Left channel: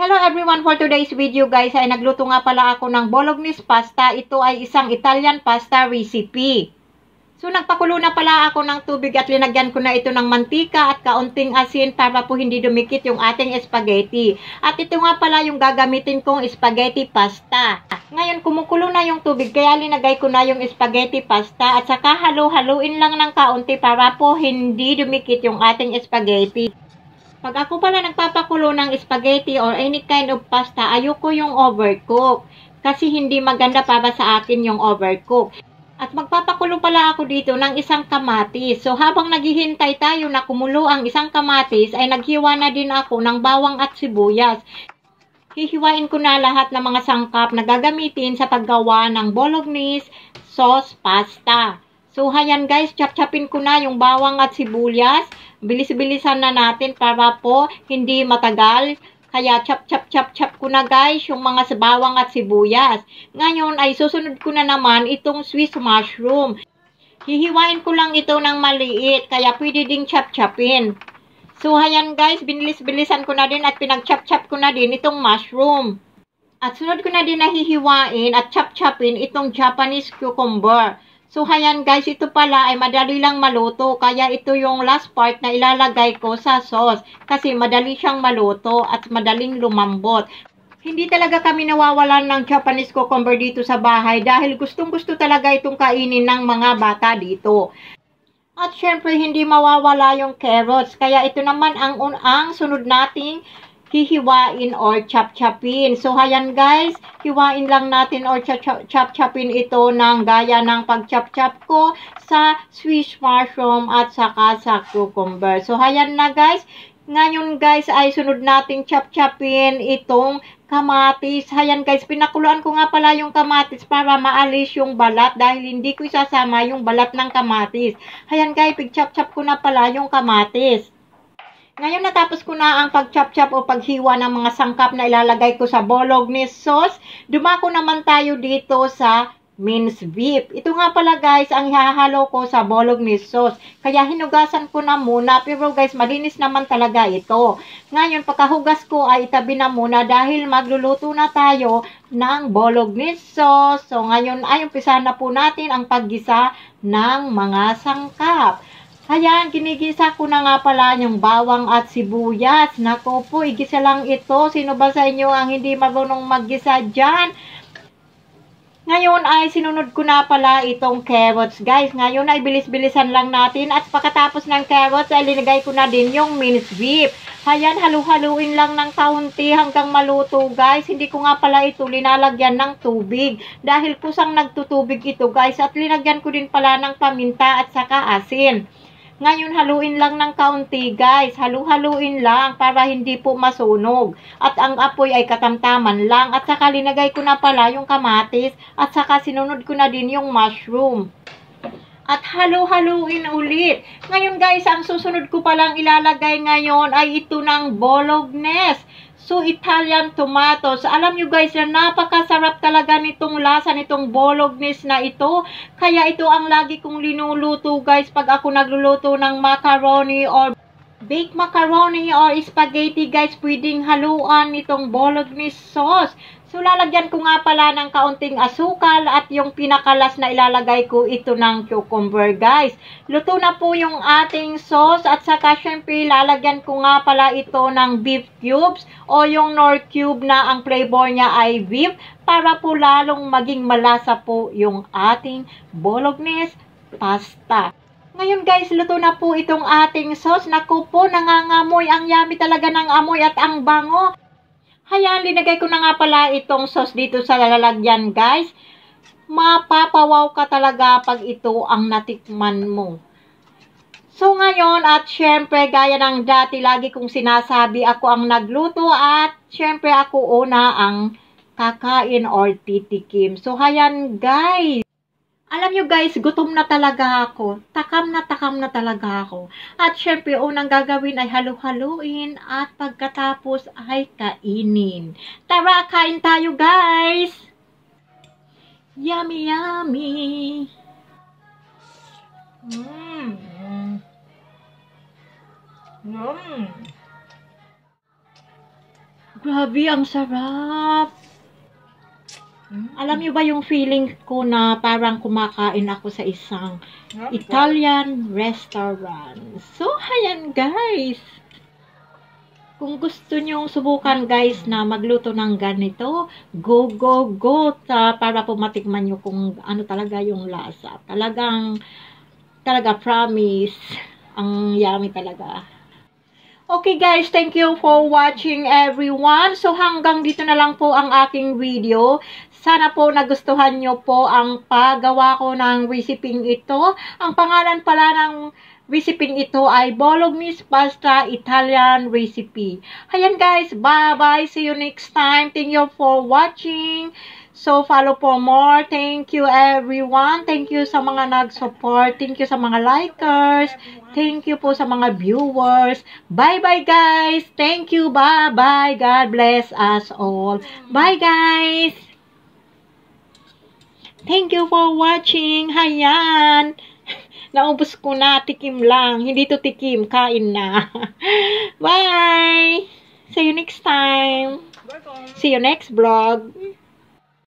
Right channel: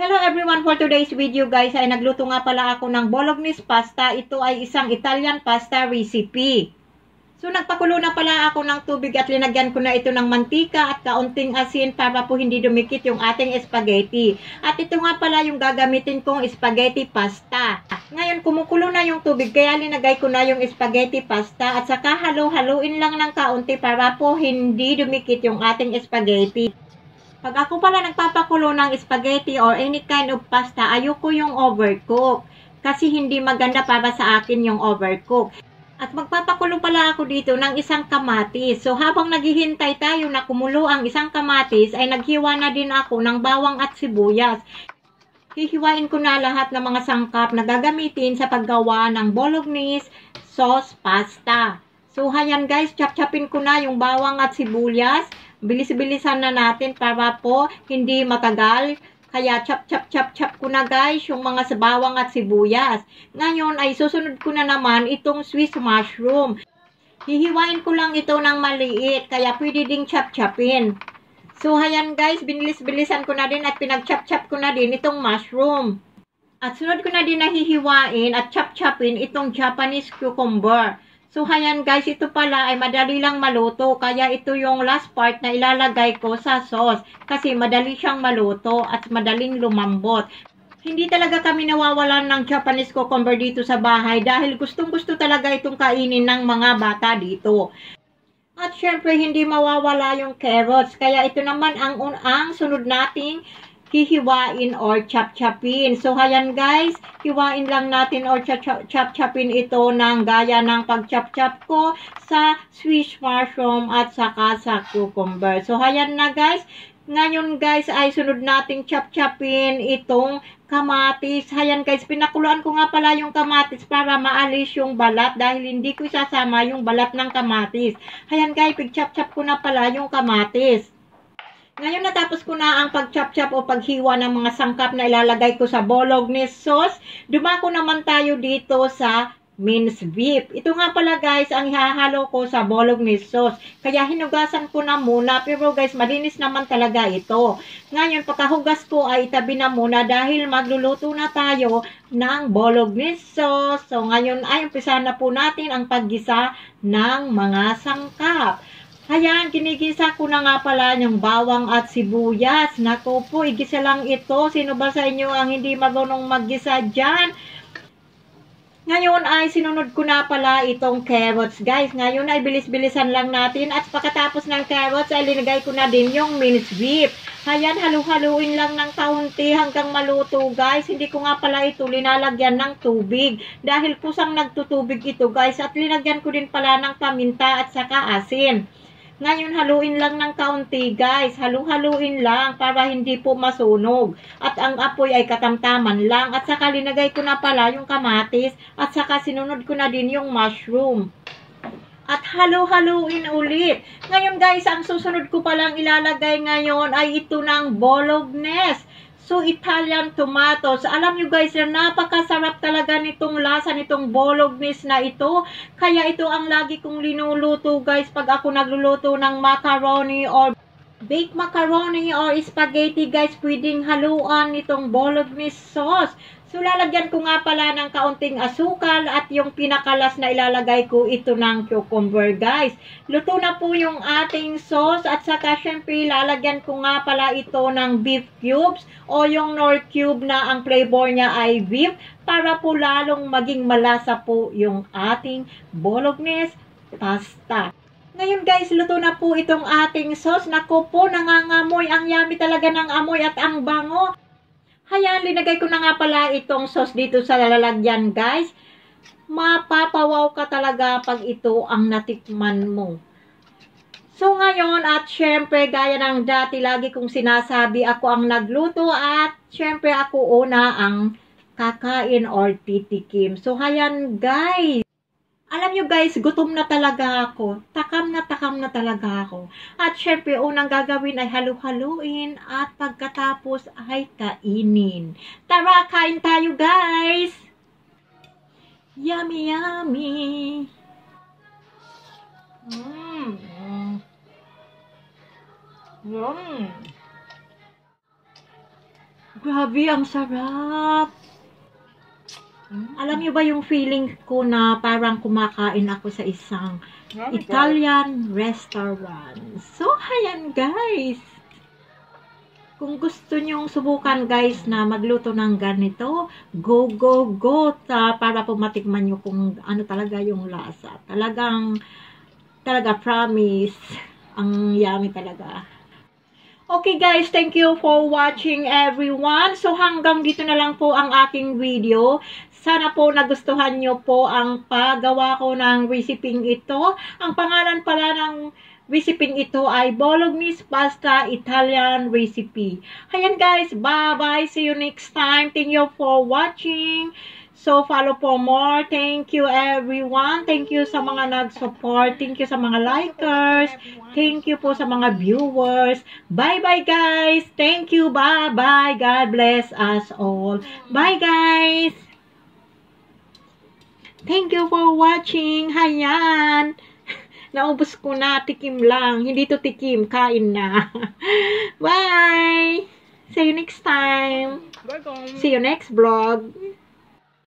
Hello everyone, for today's video guys ay nagluto nga pala ako ng bolognese pasta. Ito ay isang Italian pasta recipe. So nagpakulo na pala ako ng tubig at linagyan ko na ito ng mantika at kaunting asin para po hindi dumikit yung ating spaghetti. At ito nga pala yung gagamitin kong spaghetti pasta. Ngayon kumukulo na yung tubig kaya linagay ko na yung spaghetti pasta at saka halu-haluin lang ng kaunti para po hindi dumikit yung ating spaghetti. Pag ako pala nagpapakulo ng spaghetti or any kind of pasta, ayoko yung overcook. Kasi hindi maganda para sa akin yung overcook. At magpapakulo pala ako dito ng isang kamatis. So habang naghihintay tayo na kumulo ang isang kamatis, ay naghiwa na din ako ng bawang at sibuyas. Hihiwain ko na lahat ng mga sangkap na gagamitin sa paggawa ng bolognese sauce pasta. So, ayan guys, chop-chopin ko na yung bawang at sibuyas. Bilis-bilisan na natin para po hindi matagal. Kaya chop ko na guys yung mga bawang at sibuyas. Ngayon ay susunod ko na naman itong Swiss mushroom. Hihiwain ko lang ito ng maliit, kaya pwede ding chop-chopin. So, ayan guys, binilis-bilisan ko na din at pinag-chop ko na din itong mushroom. At sunod ko na din na hihiwain at chop-chopin itong Japanese cucumber. So, ayan guys, ito pala ay madali lang maluto. Kaya ito yung last part na ilalagay ko sa sauce. Kasi madali siyang maluto at madaling lumambot. Hindi talaga kami nawawalan ng Japanese cucumber dito sa bahay. Dahil gustong-gusto talaga itong kainin ng mga bata dito. At syempre, hindi mawawala yung carrots. Kaya ito naman ang sunod nating hihiwain or chop-chopin. So, ayan guys, hiwain lang natin or chop-chopin ito ng gaya ng pag-chop-chop ko sa Swiss mushroom at saka sa cucumber. So, ayan na guys. Ngayon guys, ay sunod nating chop-chopin itong kamatis. Ayan guys, pinakuluan ko nga pala yung kamatis para maalis yung balat dahil hindi ko isasama yung balat ng kamatis. Ayan guys, pig-chop-chop ko na pala yung kamatis. Ngayon natapos ko na ang pag-chop-chop o paghiwa ng mga sangkap na ilalagay ko sa bolognese sauce. Dumako naman tayo dito sa minced beef. Ito nga pala guys ang ihahalo ko sa bolognese sauce. Kaya hinugasan ko na muna pero guys malinis naman talaga ito. Ngayon pagkahugas ko ay itabi na muna dahil magluluto na tayo ng bolognese sauce. So ngayon ay umpisa na po natin ang paggisa ng mga sangkap. Ayan, ginigisa ko na nga pala yung bawang at sibuyas. Nako po, igisa lang ito. Sino ba sa inyo ang hindi marunong maggisa dyan? Ngayon ay sinunod ko na pala itong carrots. Guys, ngayon ay bilis-bilisan lang natin. At pagkatapos ng carrots ay linagay ko na din yung minced beef. Ayan, halu-haluin lang ng kaunti hanggang maluto guys. Hindi ko nga pala ito linalagyan ng tubig. Dahil kusang nagtutubig ito guys. At linagyan ko din pala ng paminta at saka asin. Ngayon, haluin lang ng kaunti, guys. Halu-haluin lang para hindi po masunog. At ang apoy ay katamtaman lang. At saka linagay ko na pala yung kamatis. At saka sinunod ko na din yung mushroom. At halu-haluin ulit. Ngayon, guys, ang susunod ko palang ilalagay ngayon ay ito ng bolognese. So, Italian tomatoes. Alam nyo guys, na napakasarap talaga nitong lasa nitong bolognese na ito. Kaya ito ang lagi kong linuluto guys pag ako nagluluto ng macaroni or baked macaroni or spaghetti guys. Pwedeng haluan nitong bolognese sauce. So, lalagyan ko nga pala ng kaunting asukal at yung pinakalas na ilalagay ko ito ng cucumber, guys. Luto na po yung ating sauce at saka syempre lalagyan ko nga pala ito ng beef cubes o yung Knorr cube na ang flavor niya ay beef para po lalong maging malasa po yung ating bolognese pasta. Ngayon guys, luto na po itong ating sauce. Naku po, nangangamoy. Ang yummy talaga ng amoy at ang bango. Ayan, linagay ko na nga pala itong sauce dito sa lalagyan, guys. Mapapawaw ka talaga pag ito ang natikman mo. So, ngayon, at syempre, gaya ng dati, lagi kong sinasabi, ako ang nagluto at syempre, ako una ang kakain or titikim. So, ayan, guys. Alam nyo guys, gutom na talaga ako. Takam na talaga ako. At syempre, unang gagawin ay halu-haluin at pagkatapos ay kainin. Tara, kain tayo guys! Yummy, yummy! Grabe, ang sarap. Alam niyo ba yung feeling ko na parang kumakain ako sa isang Italian restaurant. So, ayan guys. Kung gusto nyong subukan guys na magluto ng ganito, go, go, go para po matikman nyo kung ano talaga yung lasa. Talaga promise, ang yummy talaga. Okay guys, thank you for watching everyone. So hanggang dito na lang po ang aking video. Sana po nagustuhan nyo po ang paggawa ko ng recipe ito. Ang pangalan pala ng recipe ito ay Bolognese Pasta Italian Recipe. Ayan guys, bye-bye. See you next time. Thank you for watching. So, follow for more. Thank you everyone. Thank you sa mga nag-support. Thank you sa mga likers. Thank you po sa mga viewers. Bye-bye guys. Thank you. Bye-bye. God bless us all. Bye guys. Thank you for watching. Hayan. Naubos ko na. Tikim lang. Hindi to tikim. Kain na. Bye. See you next time. See you next vlog.